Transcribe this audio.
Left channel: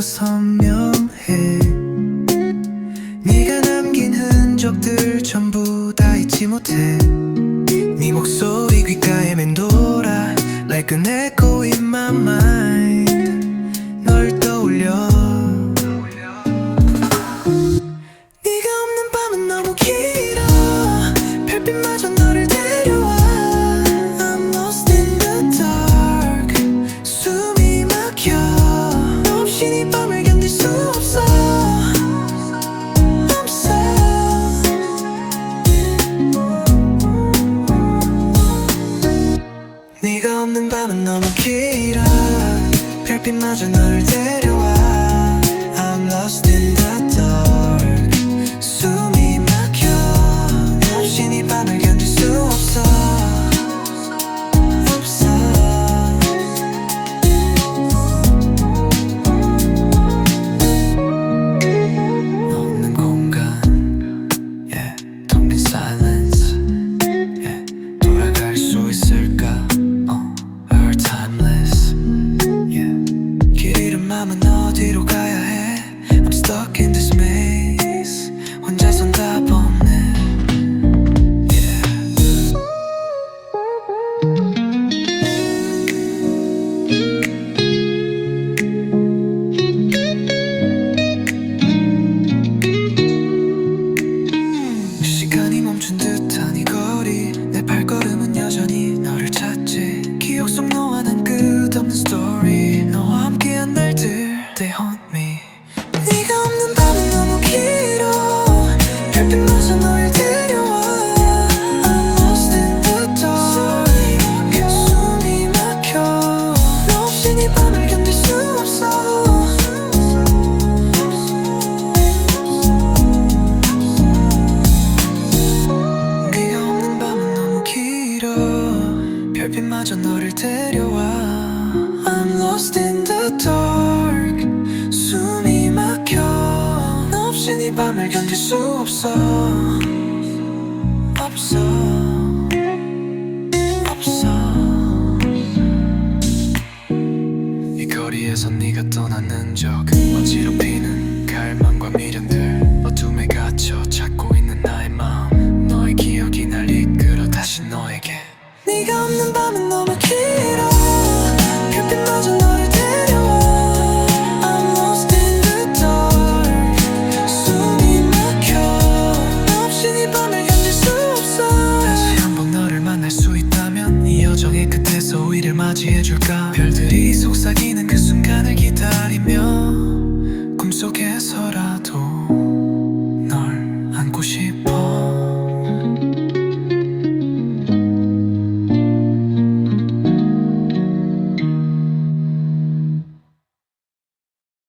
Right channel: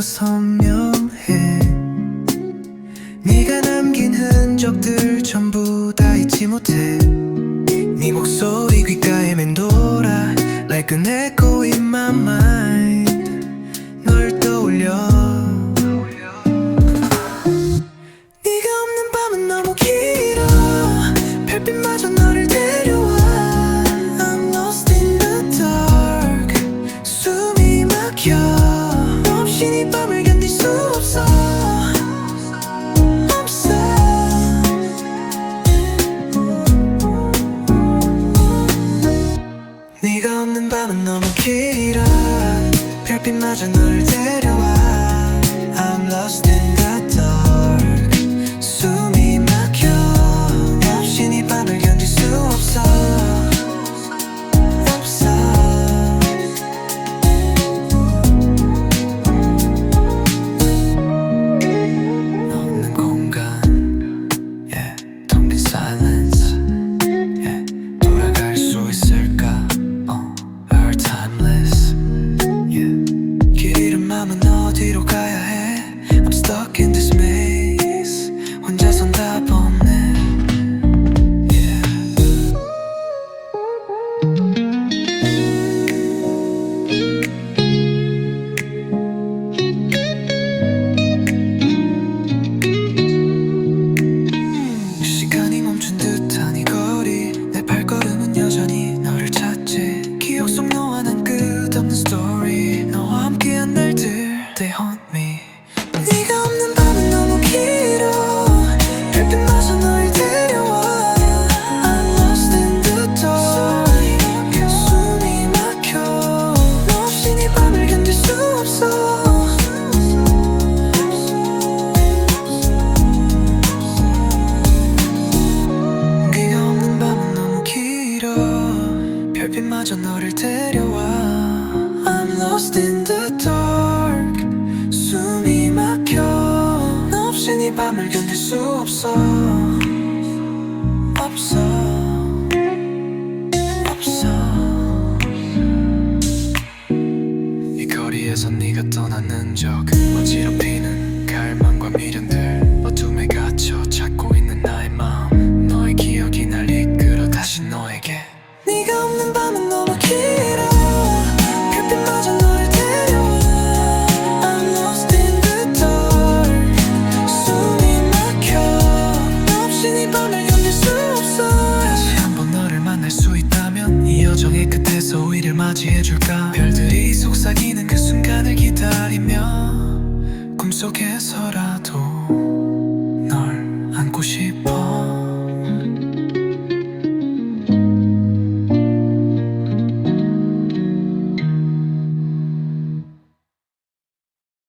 벌써 선명해. 네가 남긴 흔적들 전부 다 잊지 못해. 네 목소리 귓가에 맴돌아 Like an echo in my mind 없는 밤은 너무 길어. 별빛마저 너를 데려와. I'm lost in the dark. 숨이 막혀. 너 없이 이 밤을 견딜 수 없어. 없어. 없는 공간. Yeah, 텅빈 silence 맘은 어디로 가야 해? I'm stuck in this maze. 혼자선 답 없네. 멈춘 듯한 이 거리. 내 발걸음은 여전히 너를 찾지. 기억 속 없는 스토리 너와 함께한 날들 They haunt me. 네가 없는 밤은 너무 길어. 별빛마저 널 데려와. I'm lost in the dark. 숨이 막혀. 너 없이 이 밤을 견딜 수 없어. 네가 없는 밤은 너무 길어. 별빛마저 너를 데려와 I'm lost in the dark. 숨이 막혀. 너 없이 이 밤을 견딜 수 없어. 없어. 없어. 이 거리에서 네가 떠난 흔적 어지럽히는 갈망과 미련들 어둠에 갇혀 찾고 있는 나의 마음. 너의 기억이 날 이끌어 다시 너에게. 네가 없는 밤은 너무 길어 우리를 맞이해줄까? 별들이 속삭이는 그 순간을 기다리며 꿈속에서라도 널 안고 싶어